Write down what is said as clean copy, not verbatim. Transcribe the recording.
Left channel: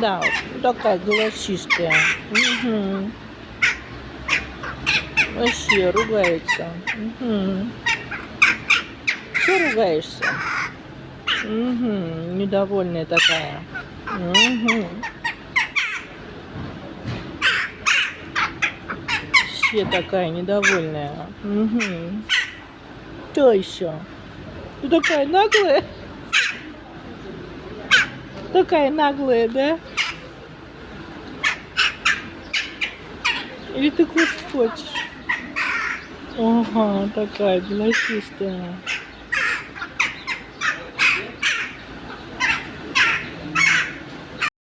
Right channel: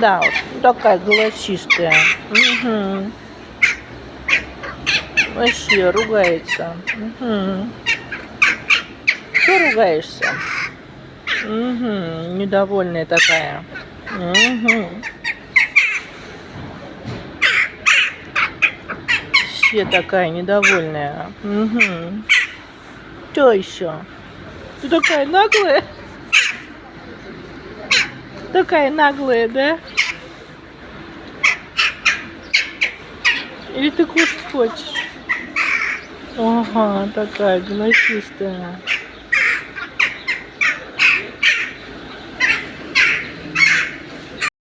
Да, вот такая голосистая. Угу. Вообще ругается. Угу. Что ругаешься? Угу. Недовольная такая. Угу. Вообще такая недовольная. Угу. Что еще? Ты такая наглая? Такая наглая, да? Или ты кушать хочешь? Ага, такая голосистая.